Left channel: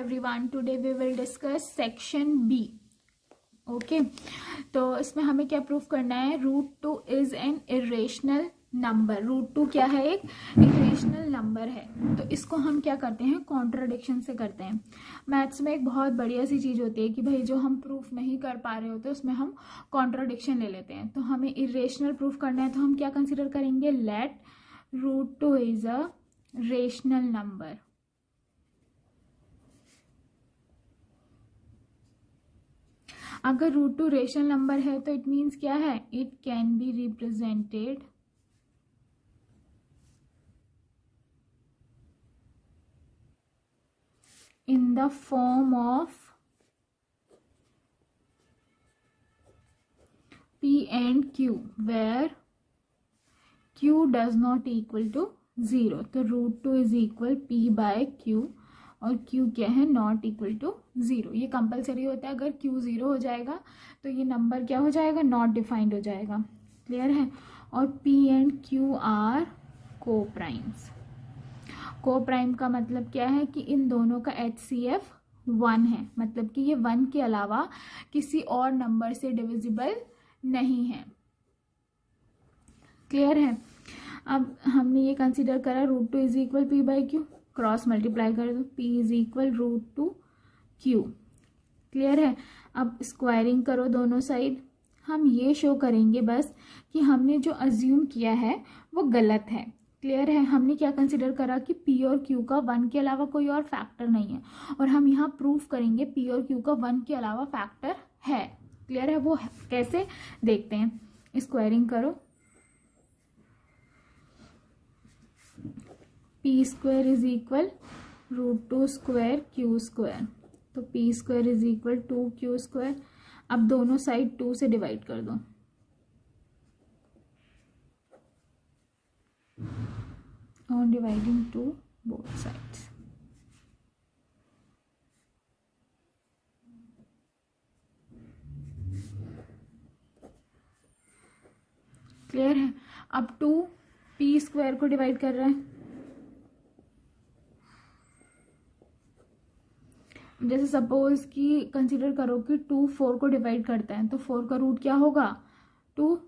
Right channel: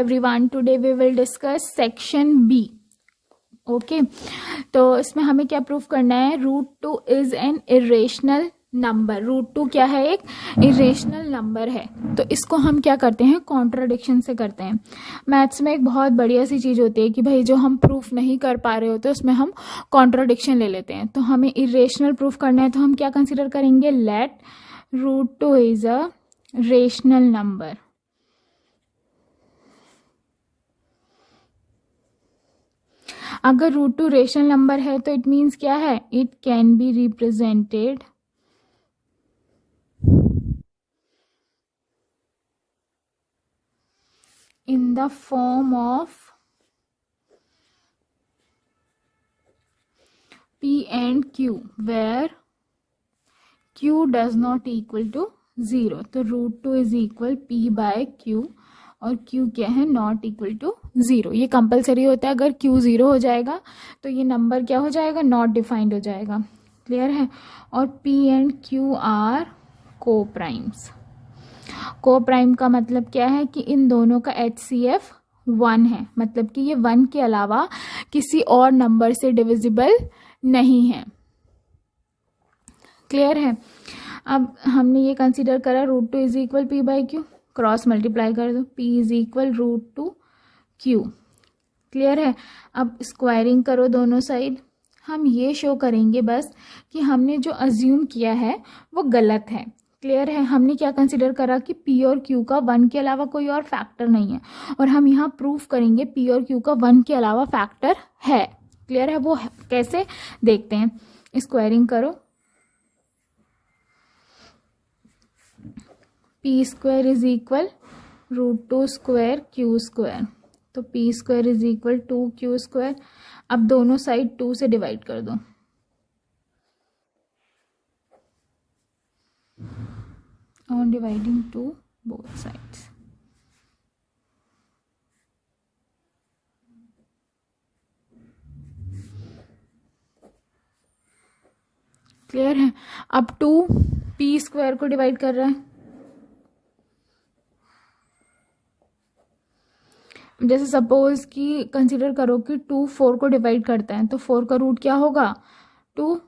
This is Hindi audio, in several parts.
Everyone, today we will discuss section B. Okay, तो इसमें हमें क्या प्रूफ करना है? Root two is an irrational number. Root two क्या है? एक इरेशनल नंबर है। तो इसको हम क्या करते हैं? कॉन्ट्राडिक्शन से करते हैं। मैथ्स में एक बहुत बढ़िया सी चीज़ होती है कि भाई जो हम प्रूफ नहीं कर पा रहे होते उसमें हम कॉन्ट्राडिक्शन ले लेते हैं। तो हमें इरेशनल प्रूफ करना है तो हम क्या कंसिडर करेंगे? Let root two is a rational number. अगर रूट टू रेशनल नंबर है तो इट मीन्स क्या है? It can be represented in the form of P and Q where Q does not equal to 0। तो root two is equal P by Q और Q क्या है? Not equal to 0। ये कंपलसरी होता है। अगर Q 0 हो जाएगा तो ये नंबर क्या हो जाएगा? नॉट डिफाइंड हो जाएगा। क्लियर है? और P एंड Q आर को प्राइम्स। को प्राइम का मतलब क्या है? कि इन दोनों का HCF 1 है, मतलब कि ये 1 के अलावा किसी और नंबर से डिविजिबल नहीं है। क्लियर है? अब हमने ये कंसीडर करा root two is equal P by Q, cross multiply कर दो, P is equal root two Q। Clear है? अब स्क्वायरिंग करो दोनों साइड। हम ये शो करेंगे बस कि हमने जो अज्यूम किया है वो गलत है। क्लियर है? हमने क्या कंसिडर करा कि P और Q का 1 के अलावा कोई और फैक्टर नहीं है, और हम यहाँ प्रूफ करेंगे P और Q का 1 के अलावा फैक्टर है। क्लियर है? वो कैसे देखते हैं। स्क्वायरिंग करो, P square is equal root two square Q square. तो P square is equal 2Q square. अब दोनों साइड 2 से डिवाइड कर दो। On dividing to both sides। Clear है? अब 2 P स्क्वायर को डिवाइड कर रहा है। जैसे सपोज कि कंसिडर करो कि 2 4 को डिवाइड करता है, तो 4 का रूट क्या होगा? 2।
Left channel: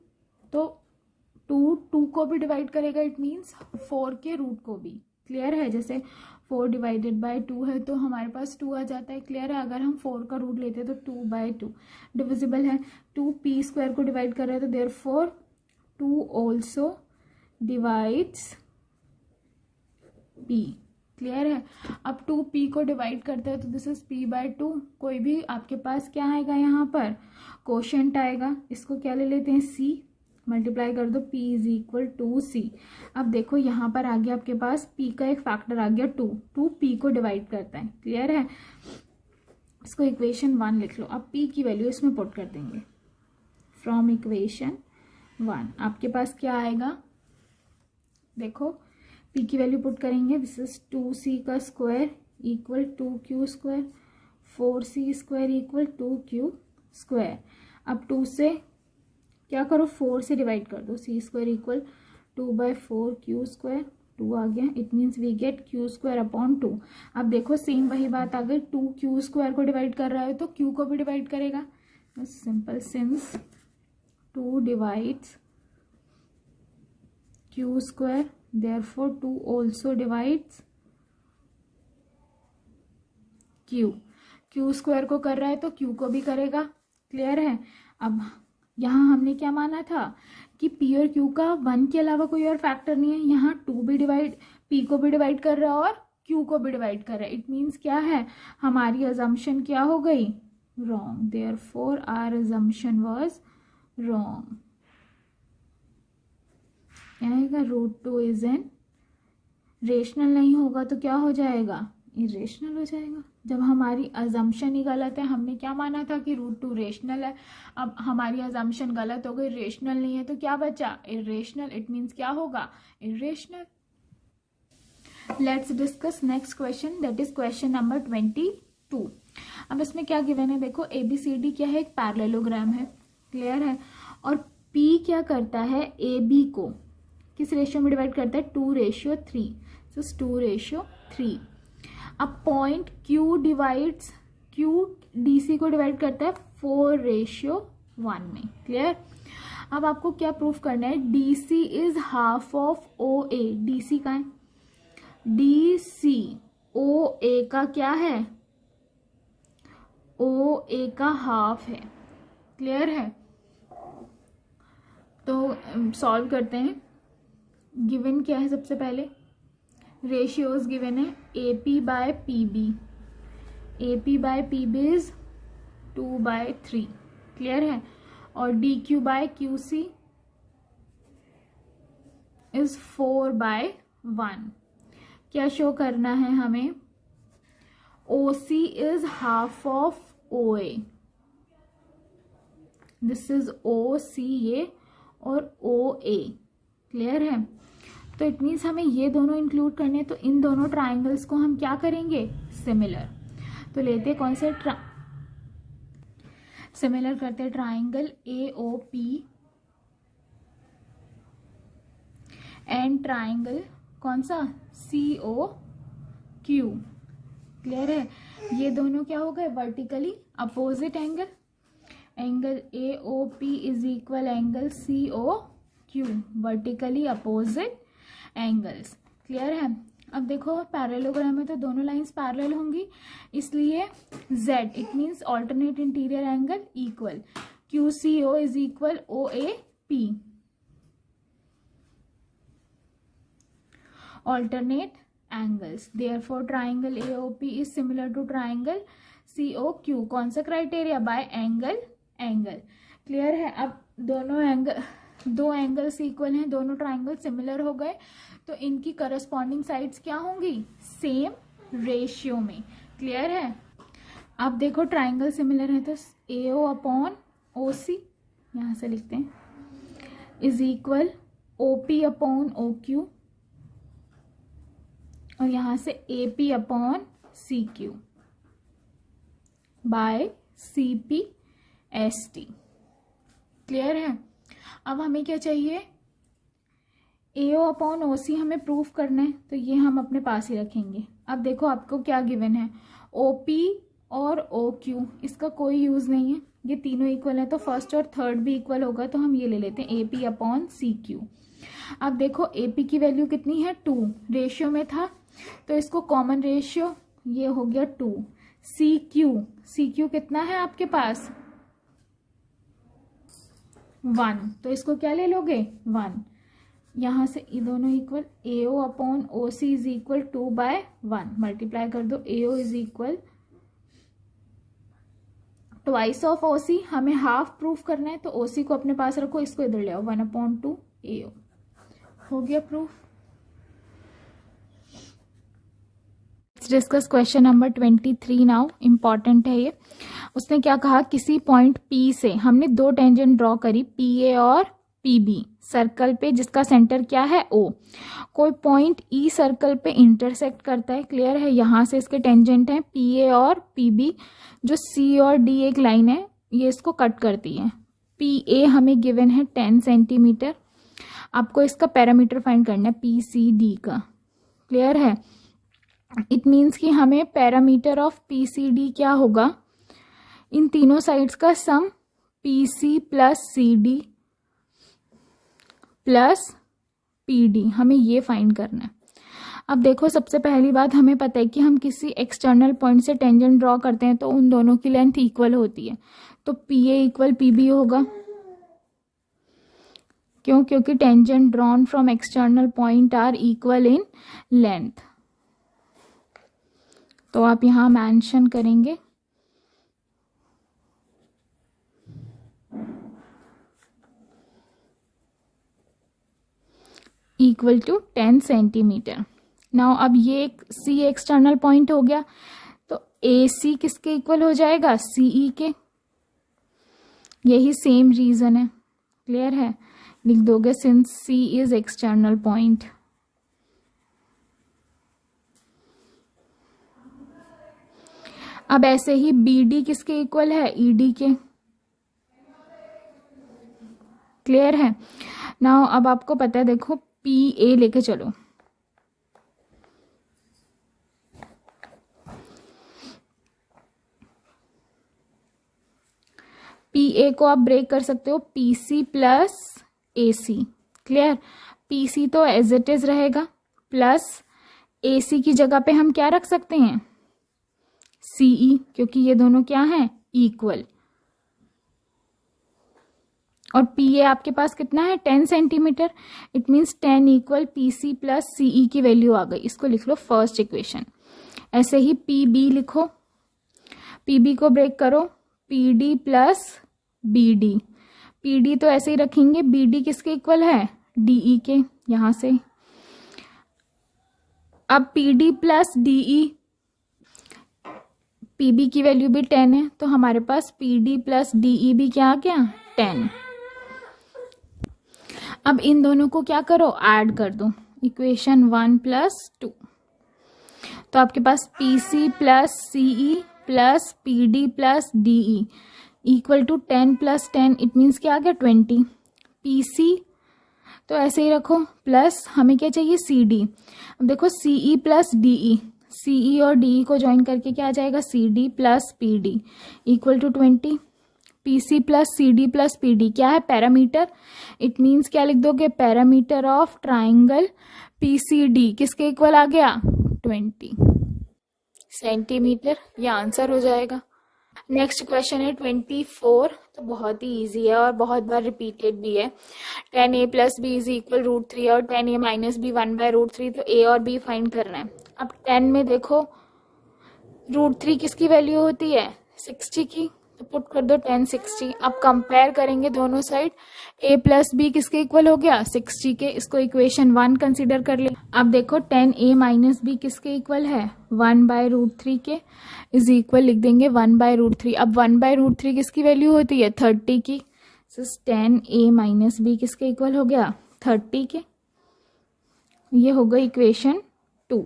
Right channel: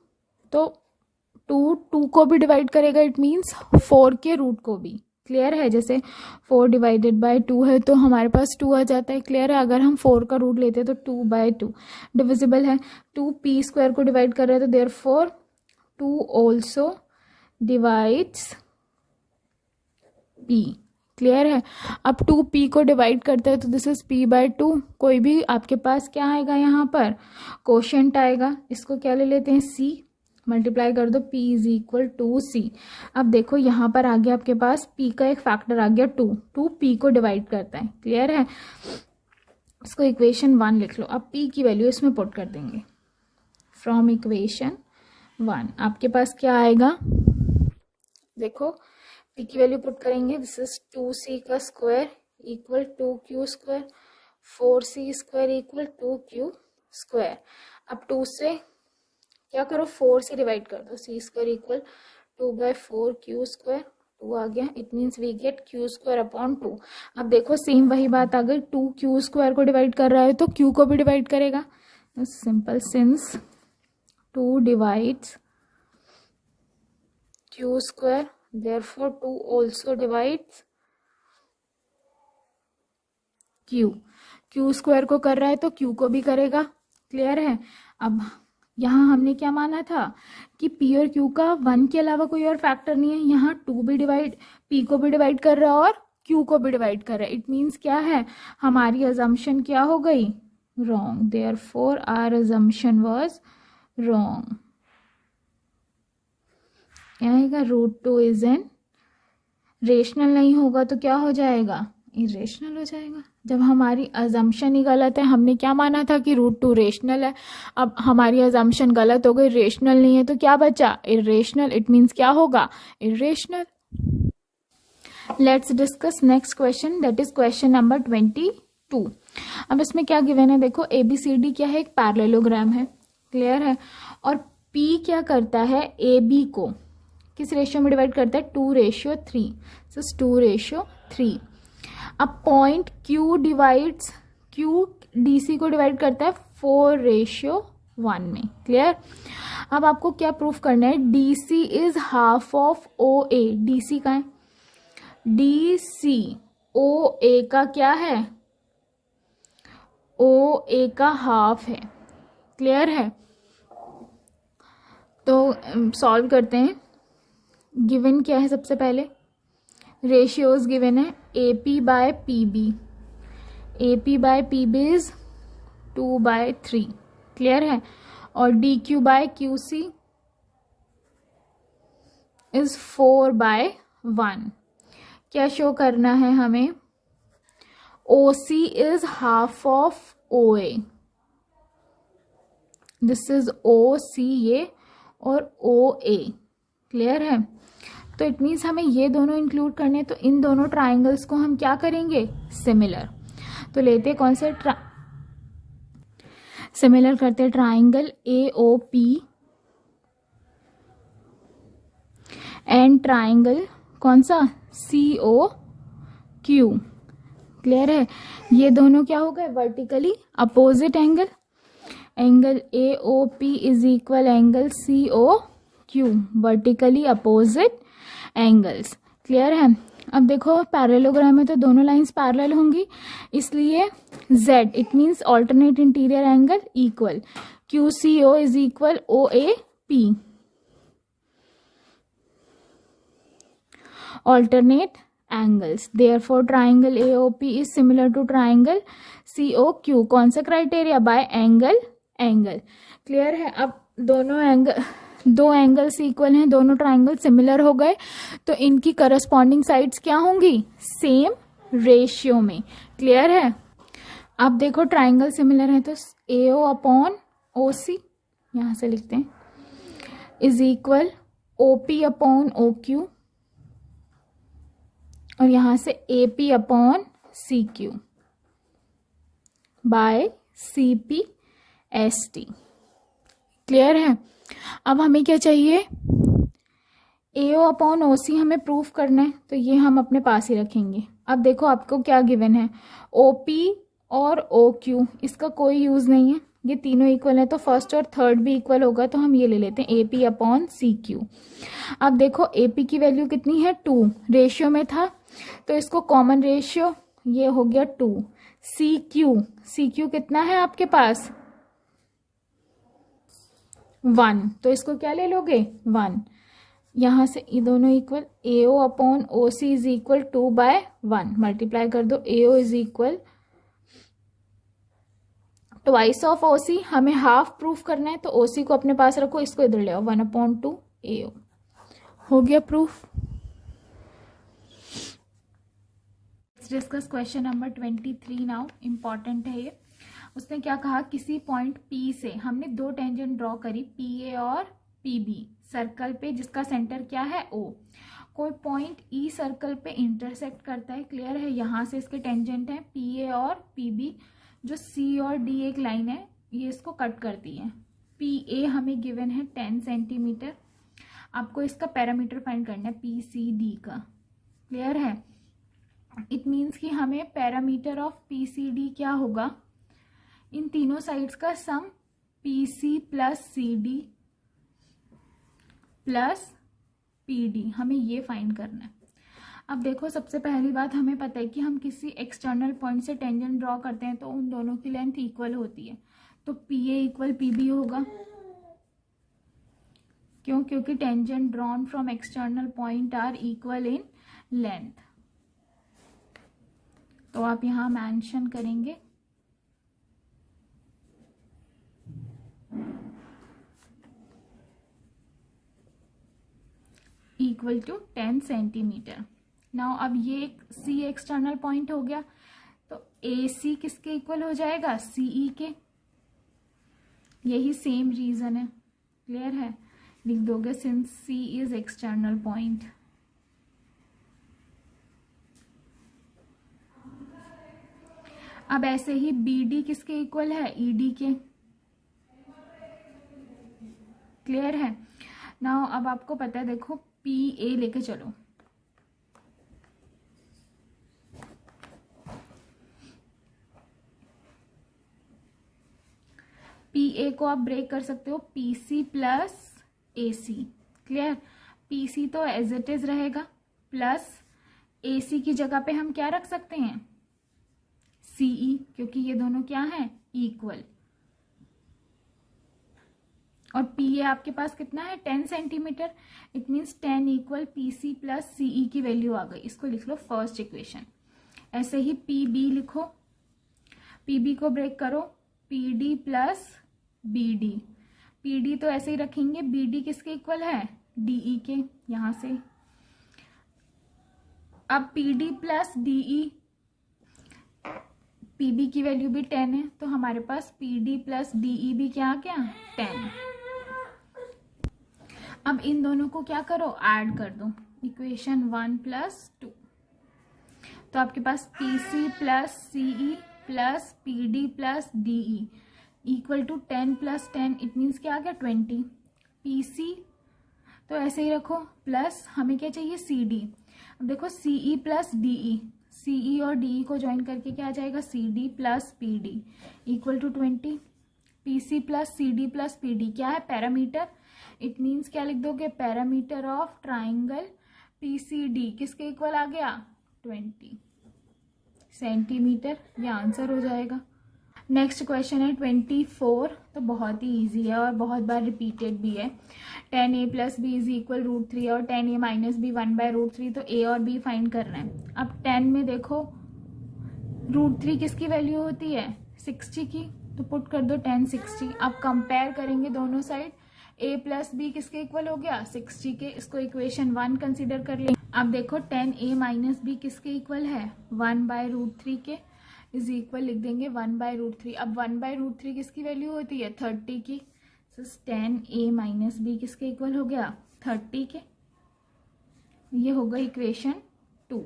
तो 2 को भी डिवाइड करेगा, इट मीन्स 4 के रूट को भी। क्लियर है? जैसे 4 डिवाइडेड बाय 2 है तो हमारे पास 2 आ जाता है। क्लियर है? अगर हम 4 का रूट लेते हैं तो 2 बाय 2 डिविजिबल है। 2 P स्क्वायर को डिवाइड कर रहे हैं तो therefore 2 also divides P। Clear है? अब 2P को डिवाइड करते हैं तो दिस इज P बाय 2। कोई भी आपके पास क्या आएगा? यहाँ पर कोशेंट आएगा। इसको क्या ले लेते हैं? C। मल्टीप्लाई कर दो, P इज इक्वल 2C। अब देखो यहाँ पर आ गया आपके पास P का एक फैक्टर आ गया 2। 2P को डिवाइड करता है। क्लियर है? इसको इक्वेशन 1 लिख लो। अब P की वैल्यू इसमें पुट कर देंगे। फ्रॉम इक्वेशन 1 आपके पास क्या आएगा? देखो P की वैल्यू पुट करेंगे। दिस इज 2C का square equal 2Q square, 4C square equal 2Q square. अब 2 से क्या करो? 4 से डिवाइड कर दो। C square equal 2 by 4 Q square. 2 आ गया, it means we get Q square upon 2। अब देखो सेम वही बात, अगर 2Q स्क्वायर को डिवाइड कर रहा है तो Q को भी डिवाइड करेगा। Simple, since 2 divides Q square, therefore 2 also divides Q। Q square को कर रहा है तो Q को भी करेगा। क्लियर है? अब यहाँ हमने क्या माना था कि P और Q का 1 के अलावा कोई और फैक्टर नहीं है। यहाँ 2 भी डिवाइड, P को भी डिवाइड कर रहा है और Q को भी डिवाइड कर रहा है। इट मीन्स क्या है? हमारी अजम्पशन क्या हो गई? Wrong. Therefore our assumption was wrong. क्या आएगा? Root two is an rational नहीं होगा तो क्या हो जाएगा? इरेशनल हो जाएगा। जब हमारी अजम्पशन ही गलत है, हमने क्या माना था कि रूट टू रेशनल है, अब हमारी अजम्पशन गलत हो गई, रेशनल नहीं है, तो क्या बचा? इरेशनल। इट मीन्स क्या होगा? Irrational. Let's discuss next question, that is question number 22। अब इसमें क्या गिवन है? देखो ABCD क्या है? एक पैरेललोग्राम है। क्लियर है? और P क्या करता है? AB को किस रेशियो में डिवाइड करता है? 2:3। 2:3। अब point Q divides, Q D C को डिवाइड करता है 4:1 में। क्लियर। अब आपको क्या प्रूफ करना है, D C is half of O A. D C का है, डी सी ओ ए का क्या है, ओ ए का हाफ है। क्लियर है। तो सॉल्व करते हैं। गिवन क्या है, सबसे पहले रेशियोज गिवन है A P by P B. A P by P B is 2/3। Clear है। और D Q by Q C is 4/1। क्या शो करना है हमें, O C is half of O A. This is O C ये और ओ ए। क्लियर है। तो इट मीन्स हमें ये दोनों इंक्लूड करने हैं, तो इन दोनों ट्राइंगल्स को हम क्या करेंगे, सिमिलर। तो लेते हैं कौन से, सिमिलर करते हैं triangle A O P and triangle कौन सा, सी ओ क्यू। क्लियर है। ये दोनों क्या हो गए, vertically opposite angle. Angle A O P is equal angle C O Q, vertically opposite angles. Clear है। अब देखो पैरेललोग्राम में तो दोनों लाइंस पैरेलल होंगी, इसलिए z it means alternate interior angle equal Q C O is equal O A P. Alternate angles, therefore triangle AOP is similar to triangle COQ। कौन सा criteria, by angle angle. Clear है। अब दोनों एंगल, दो एंगल्स इक्वल हैं, दोनों ट्राइंगल सिमिलर हो गए, तो इनकी करस्पॉन्डिंग साइड्स क्या होंगी, सेम रेशियो में। क्लियर है। अब देखो ट्राइंगल सिमिलर है तो AO अपॉन OC यहाँ से लिखते हैं is equal OP upon OQ और यहाँ से AP upon CQ by CPST। Clear है। अब हमें क्या चाहिए, AO अपॉन OC हमें प्रूफ करना है, तो ये हम अपने पास ही रखेंगे। अब देखो आपको क्या गिवन है, OP और OQ, इसका कोई यूज़ नहीं है, ये तीनों इक्वल है, तो फर्स्ट और थर्ड भी इक्वल होगा, तो हम ये ले लेते हैं AP अपॉन CQ। अब देखो AP की वैल्यू कितनी है, 2 रेशियो में था, तो इसको कॉमन रेशियो, ये हो गया 2। CQ कितना है आपके पास, 1, तो इसको क्या ले लोगे, 1। यहाँ से ये दोनों equal, AO upon OC is equal 2/1, multiply कर दो, AO is equal twice of OC। हमें हाफ प्रूफ करना है, तो OC को अपने पास रखो, इसको इधर ले आओ, 1/2 AO। हो गया proof. Discuss question number 23 now, important है ये। उसने क्या कहा, किसी पॉइंट P से हमने दो टेंजेंट ड्रॉ करी, PA और PB सर्कल पे, जिसका सेंटर क्या है O। कोई पॉइंट E सर्कल पे इंटरसेक्ट करता है। क्लियर है। यहाँ से इसके टेंजेंट हैं PA और PB, जो C और D एक लाइन है, ये इसको कट करती है। PA हमें गिवन है 10 सेंटीमीटर, आपको इसका पैरामीटर फाइंड करना है PCD का। क्लियर है। इट मीन्स कि हमें पैरामीटर ऑफ PCD क्या होगा, इन तीनों साइड्स का सम PC plus CD plus PD, हमें ये फाइंड करना है। अब देखो सबसे पहली बात, हमें पता है कि हम किसी एक्सटर्नल पॉइंट से टेंजेंट ड्रॉ करते हैं तो उन दोनों की लेंथ इक्वल होती है, तो PA इक्वल PB होगा। क्यों, क्योंकि tangent drawn from external point are equal in length. तो आप यहाँ मेंशन करेंगे इक्वल टू 10 सेंटीमीटर। नाउ अब ये एक C एक्सटर्नल पॉइंट हो गया, तो AC किसके इक्वल हो जाएगा, CE के। यही सेम रीजन है। क्लियर है। लिख दोगे since C is external point. अब ऐसे ही BD किसके इक्वल है, ED के। क्लियर है। नाउ अब आपको पता है, देखो PA लेके चलो, पी ए को आप ब्रेक कर सकते हो पी सी प्लस ए सी, क्लियर। पी सी तो एज इट इज रहेगा, प्लस ए सी की जगह पे हम क्या रख सकते हैं, सी ई, क्योंकि ये दोनों क्या हैं, इक्वल। और पी ए आपके पास कितना है, 10 centimetre, it means 10 equal P C plus C E की वैल्यू आ गई। इसको लिख लो फर्स्ट इक्वेशन। ऐसे ही पी बी लिखो, पी बी को ब्रेक करो P D plus B D. P D तो ऐसे ही रखेंगे, बी डी किसके इक्वल है, डी ई के, यहाँ से। अब P D plus D E, P B की वैल्यू भी 10 है, तो हमारे पास P D plus D E भी क्या आ गया, 10। अब इन दोनों को क्या करो, ऐड कर दो, इक्वेशन 1 प्लस 2। तो आपके पास P C plus C E plus P D plus D E equal to 10 plus 10, it means क्या आ गया, 20। पी सी तो ऐसे ही रखो, प्लस हमें क्या चाहिए, सी डी। अब देखो सी ई प्लस डी ई, सी ई और डी ई को ज्वाइन करके क्या आ जाएगा, C D plus P D equal to 20। P C plus C D plus P D क्या है, पैरामीटर, इट मीन्स क्या लिख दोगे, parameter of triangle P C D किसके इक्वल आ गया, 20 सेंटीमीटर। ये आंसर हो जाएगा। नेक्स्ट क्वेश्चन है 24, तो बहुत ही इजी है और बहुत बार रिपीटेड भी है। 10a plus B is equal √3 और 10a माइनस बी 1/√3, तो a और b फाइंड करना है। अब 10 में देखो √3 किसकी वैल्यू होती है, 60 की, तो पुट कर दो 10 60। अब कंपेयर करेंगे दोनों साइड, a प्लस बी किसके इक्वल हो गया, 60 के, इसको इक्वेशन 1 कंसिडर कर लेंगे। अब देखो 10a माइनस बी किसके इक्वल है, 1/√3 के, इज इक्वल लिख देंगे 1/√3। अब 1/√3 किसकी वैल्यू होती है, 30 की, 10a माइनस बी किसके इक्वल हो गया, 30 के। ये हो गई इक्वेशन 2।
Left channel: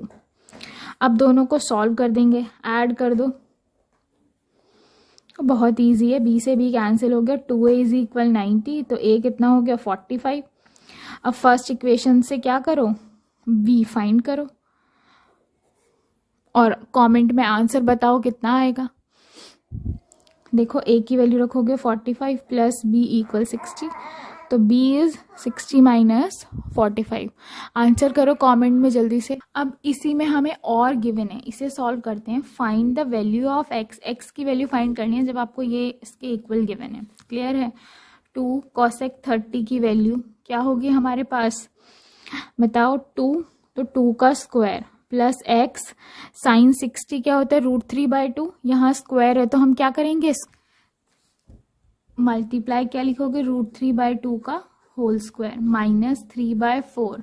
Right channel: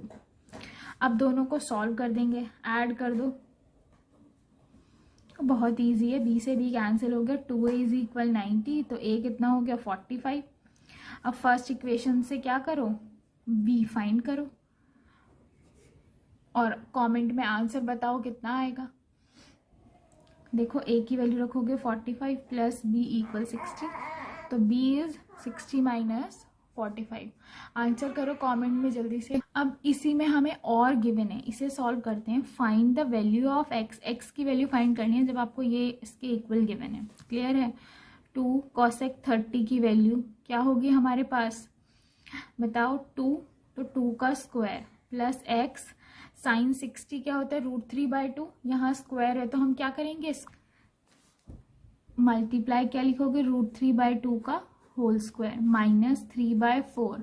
अब दोनों को सॉल्व कर देंगे, ऐड कर दो, बहुत इजी है, b से b कैंसिल हो गया, 2a इज इक्वल 90, तो a कितना हो गया, 45। अब फर्स्ट इक्वेशन से क्या करो, b फाइंड करो और कमेंट में आंसर बताओ कितना आएगा। देखो a की वैल्यू रखोगे 45 प्लस b इक्वल 60, तो b इज 60 माइनस 45। आंसर करो कमेंट में जल्दी से। अब इसी में हमें और गिवन है, इसे सॉल्व करते हैं। Find the value of x, x की वैल्यू फाइंड करनी है जब आपको ये इसके इक्वल गिवन है, क्लियर है। 2 cosec 30 की वैल्यू क्या होगी हमारे पास, बताओ, 2, तो 2 का स्क्वायर प्लस x साइन 60 क्या होता है, √3/2, यहाँ स्क्वायर है तो हम क्या करेंगे, मल्टीप्लाई क्या लिखोगे, √3/2 का होल स्क्वायर माइनस 3/4।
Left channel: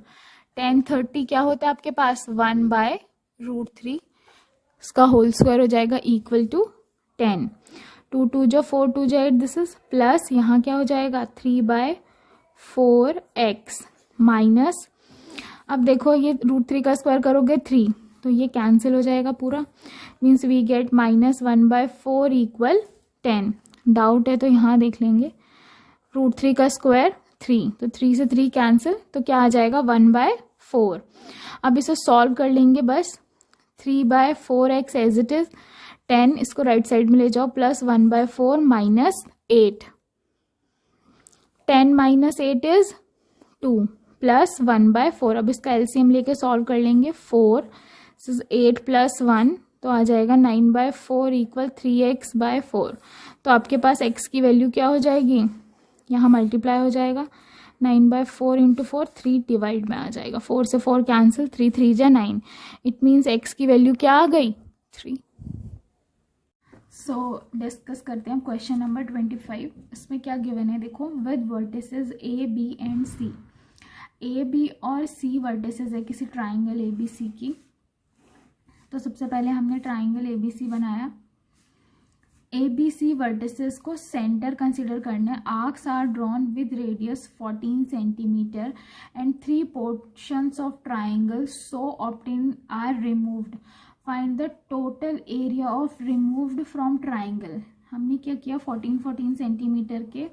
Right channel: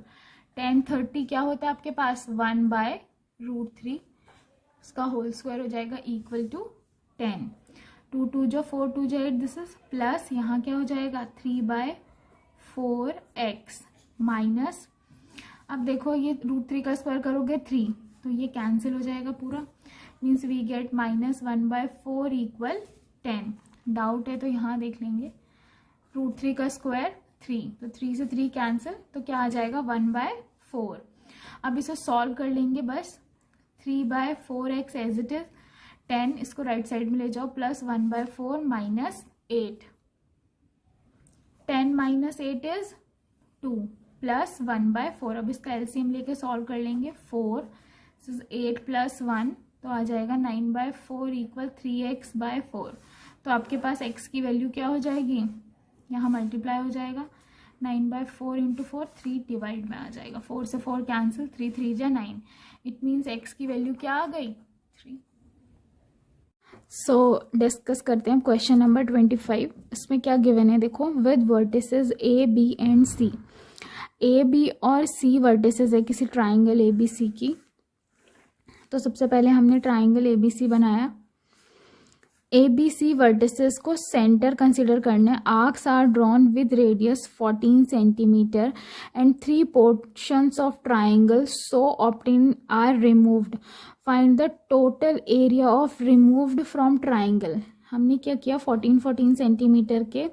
10 30 क्या होता है आपके पास, 1/√3, इसका होल स्क्वायर हो जाएगा इक्वल टू 10। 2 2 जो 4 2 जो 8, दिस इज प्लस, यहाँ क्या हो जाएगा 3/4x माइनस, अब देखो ये √3 का स्क्वायर करोगे 3, तो ये कैंसिल हो जाएगा पूरा, means we get minus 1/4 equal 10। Doubt है तो यहाँ देख लेंगे, √3 का स्क्वायर 3, तो 3 से 3 कैंसिल, तो क्या आ जाएगा 1/4। अब इसे सॉल्व कर लेंगे बस, 3/4x एज इट इज, 10 इसको राइट साइड में ले जाओ, plus 1/4 minus 8, 10 minus 8 is 2 plus 1/4। अब इसका एलसीएम लेके सॉल्व कर लेंगे, 4 8 प्लस 1, तो आ जाएगा 9/4 इक्वल 3x/4। तो आपके पास x की वैल्यू क्या हो जाएगी, यहाँ मल्टीप्लाई हो जाएगा, 9/4 इंटू 4, 3 डिवाइड में आ जाएगा, 4 से 4 कैंसिल, 3 3 जा 9, इट मीन्स x की वैल्यू क्या आ गई, 3। सो डिस्कस करते हैं क्वेश्चन नंबर 25। इसमें क्या गिवन है देखो, with vertices a b and c, A B और सी वर्टिसेस है किसी ट्राइंगल ए बी सी की। तो सबसे पहले हमने ट्राइंगल ए बी सी बनाया, ए बी सी वर्टिसेस को सेंटर कंसिडर करना है। Arcs are drawn with radius 14 centimetre and 3 portions of triangle so obtain are removed, find the total area of removed from triangle. हमने क्या किया, 14 सेंटीमीटर के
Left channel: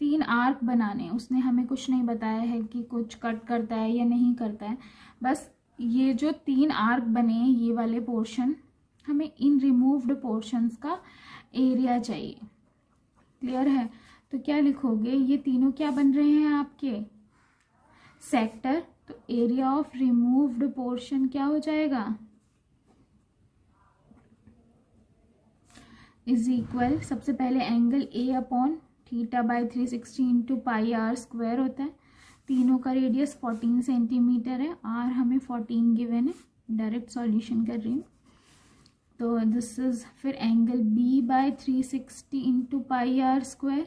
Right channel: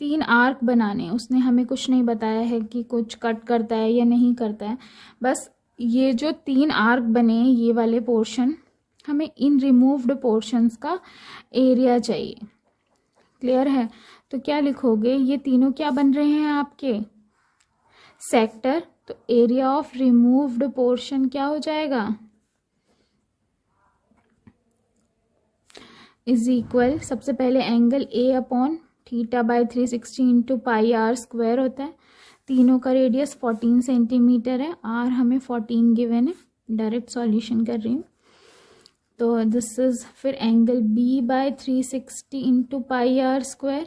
3 आर्क बनाने, उसने हमें कुछ नहीं बताया है कि कुछ कट करता है या नहीं करता है, बस ये जो 3 आर्क बने हैं ये वाले पोर्शन, हमें इन रिमूव्ड पोर्शंस का एरिया चाहिए, क्लियर है? तो क्या लिखोगे, ये तीनों क्या बन रहे हैं आपके सेक्टर, तो एरिया ऑफ रिमूव्ड पोर्शन क्या हो जाएगा, इज इक्वल, सबसे पहले angle A upon theta by 360 into pi R square होता है। तीनों का रेडियस 14 सेंटीमीटर है, आर हमें 14 गिवन है, डायरेक्ट सॉल्यूशन कर रही हूँ। तो दिस इज फिर angle B by 360 into pi R square.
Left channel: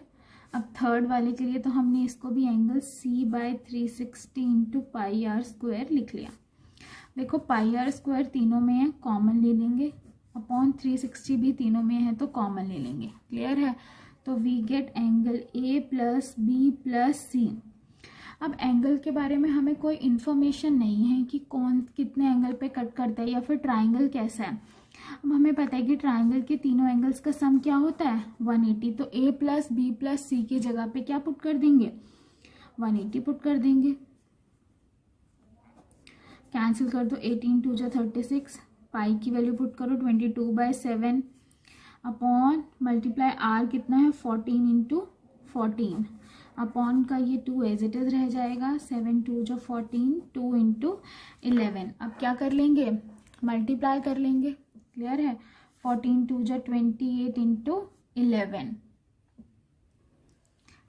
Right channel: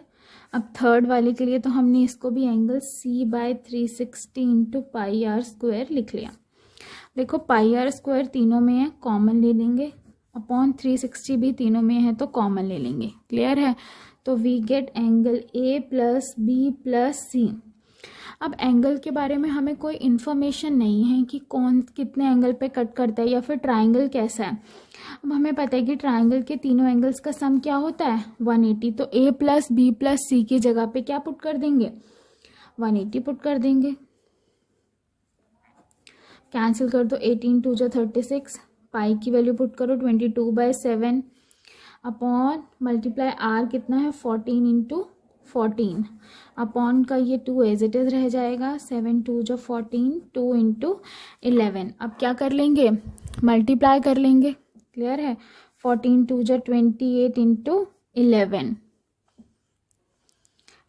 अब थर्ड वाले के लिए तो हमने इसको भी angle C by 360 into pi R square लिख लिया। देखो पाई आर स्क्वायर तीनों में है, कॉमन ले लेंगे, अपॉन 360 भी तीनों में है तो कॉमन ले लेंगे। क्लियर है? तो we get angle A plus B plus C. अब एंगल के बारे में हमें कोई इन्फॉर्मेशन नहीं है कि कौन कितने एंगल पे कट करता है या फिर ट्राइंगल कैसा है। अब हमें पता है कि ट्राइंगल के तीनों एंगल्स का सम क्या होता है 180, तो ए प्लस बी प्लस सी की जगह पे क्या पुट कर देंगे, 180 पुट कर देंगे। कैंसिल कर दो, 18 2 जा 36, पाई की वैल्यू पुट करो 22/7 अपॉन मल्टीप्लाई आर कितना है 14 इंटू 14 अपॉन का ये 2 एज इट इज रह जाएगा, 7 2 जो 14, 2 इंटू 11। अब क्या कर लेंगे, मल्टीप्लाई कर लेंगे। क्लियर है? 14 2 जो 28 इंटू 11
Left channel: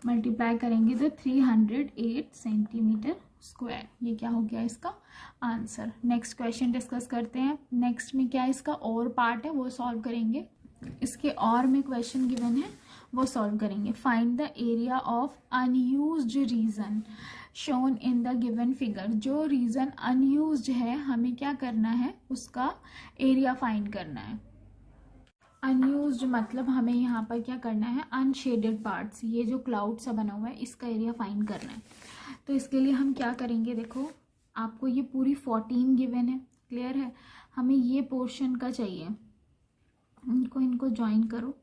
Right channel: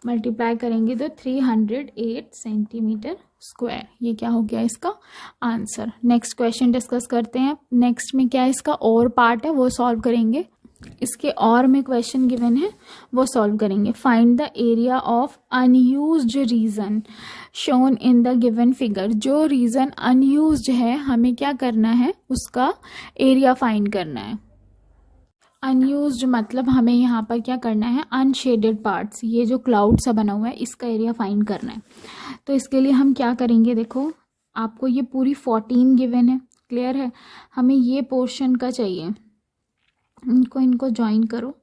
मल्टीप्लाई करेंगे तो 308 सेंटीमीटर स्क्वायर। ये क्या हो गया इसका आंसर। नेक्स्ट क्वेश्चन डिस्कस करते हैं। नेक्स्ट में क्या इसका और पार्ट है वो सॉल्व करेंगे, इसके और में क्वेश्चन गिवन है वो सॉल्व करेंगे। Find the area of unused region shown in the given figure. जो रीजन अनयूज्ड है हमें क्या करना है, उसका एरिया फाइंड करना है। अनयूज्ड मतलब हमें यहाँ पर क्या करना है, अनशेडेड पार्ट्स, ये जो क्लाउड सा बना हुआ है इसका एरिया फाइंड करना है। तो इसके लिए हम क्या करेंगे, देखो आपको ये पूरी 14 गिवन है। क्लियर है? हमें ये पोर्शन का चाहिए, इनको ज्वाइन करो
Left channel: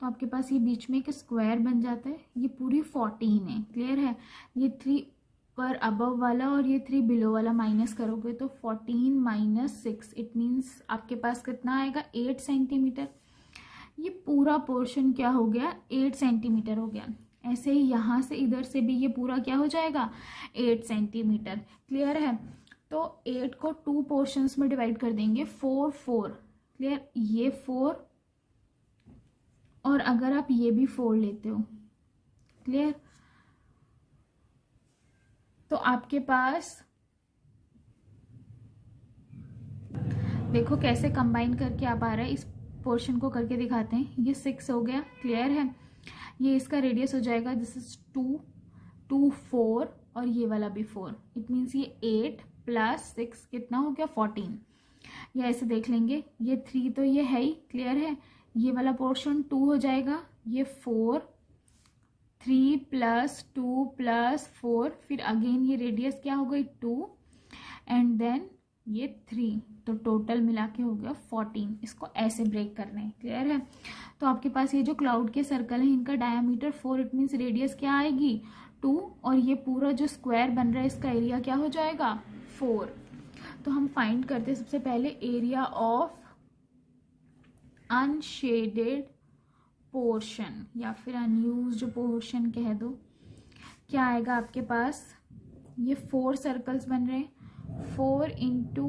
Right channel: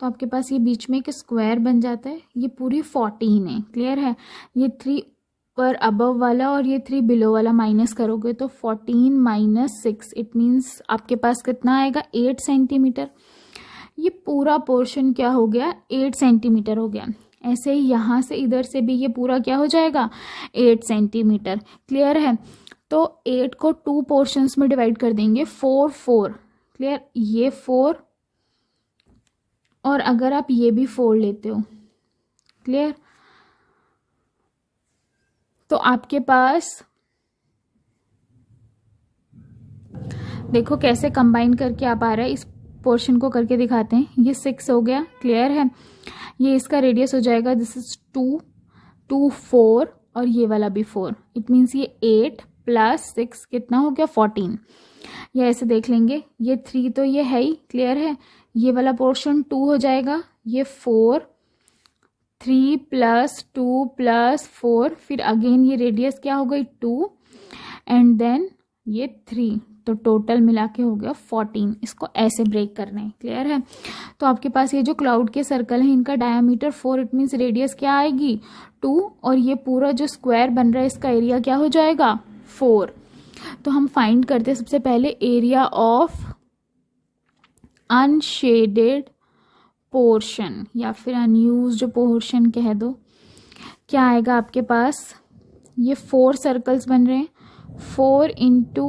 तो आपके पास ये बीच में एक स्क्वायर बन जाता है। ये पूरी 14 है। क्लियर है? ये 3 पर अबव वाला और ये 3 बिलो वाला माइनस करोगे तो 14 माइनस 6 इट मीन्स आपके पास कितना आएगा 8 सेंटीमीटर। ये पूरा पोर्शन क्या हो गया 8 सेंटीमीटर हो गया। ऐसे ही यहाँ से इधर से भी ये पूरा क्या हो जाएगा 8 सेंटीमीटर। क्लियर है? तो 8 को 2 पोर्शंस में डिवाइड कर देंगे 4 4। क्लियर? ये 4 और अगर आप ये भी 4 लेते हो, क्लियर, तो आपके पास देखो कैसे कंबाइन करके आप आ रहा है। इस पोर्शन को करके दिखाते हैं। ये 6 हो गया। क्लियर है? ये इसका रेडियस हो जाएगा, दिस इज 2 2 4 और ये वाला भी 4। इट मीन्स ये 8 प्लस 6 कितना हो गया 14। ये ऐसे देख लेंगे, ये 3 तो ये है ही। क्लियर है? ये वाला पोर्शन 2 हो जाएगा, ये 4, 3 प्लस 2 प्लस 4, फिर अगेन ये रेडियस क्या हो गई 2 एंड देन ये 3, तो टोटल मिला के हो गया 14। इसको ऐसे ब्रेक करना है। क्लियर है? तो आपके पास ये जो क्लाउड के सर्कल है इनका डायमीटर 4, इट मीन्स रेडियस क्या आएगी 2 और ये पूरा जो स्क्वायर बन रहा है इसका एरिया क्या हो जाएगा 4। तो हम फाइंड करते हैं सबसे पहले एरिया ऑफ अनशेडेड पोर्शन या फिर अनयूज्ड पोर्शन कह दो। क्या आएगा आपके पास, ये 4 सर्कल्स बन रहे हैं, 4 into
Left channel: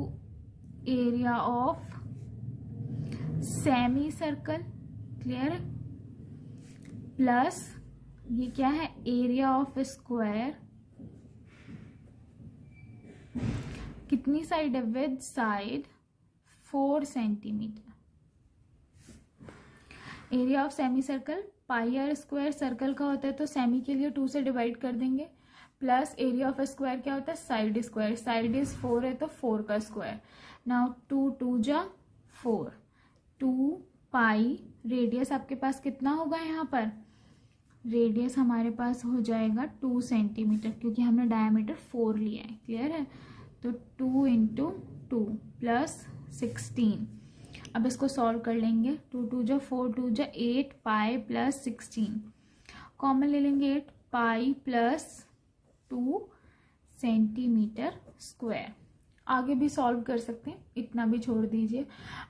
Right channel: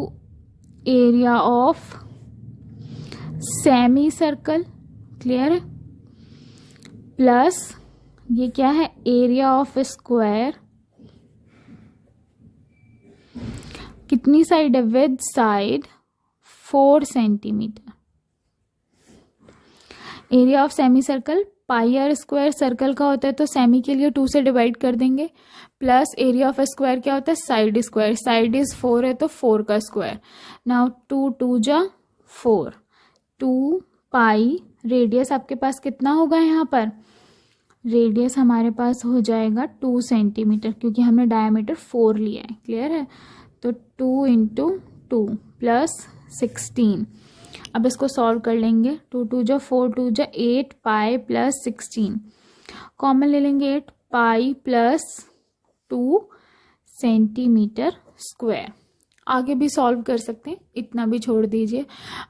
area of semi circle. Clear है? प्लस ये क्या है एरिया ऑफ स्क्वायर, कितनी साइड है with side 4 centimetre. Area of semi circle pi R square circle का होता है तो सेमी के लिए 2 से डिवाइड कर देंगे, प्लस एरिया ऑफ स्क्वायर क्या होता है साइड स्क्वायर, साइड इज 4 है तो 4 का स्क्वायर। नाउ 2 2 जा 4, 2 पाई, रेडियस आपके पास कितना होगा यहाँ पर, रेडियस हमारे पास हो जाएगा 2 सेंटीमीटर क्योंकि हमने डायमीटर 4 लिया है। क्लियर है? तो 2 इंटू 2 प्लस 16। अब इसको सॉल्व कर लेंगे, 2 2 जा 4, 2 जा 8 पाई प्लस 16, कॉमन ले लेंगे 8 पाई प्लस 2 सेंटीमीटर स्क्वायर। आगे भी सॉल्व कर सकते हैं, इतना भी छोड़ दीजिए,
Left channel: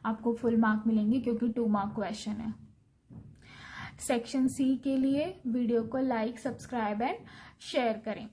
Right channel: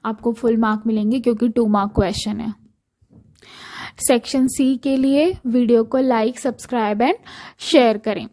आपको फुल मार्क मिलेंगे क्योंकि 2 मार्क क्वेश्चन है। सेक्शन सी के लिए वीडियो को लाइक, सब्सक्राइब एंड शेयर करें।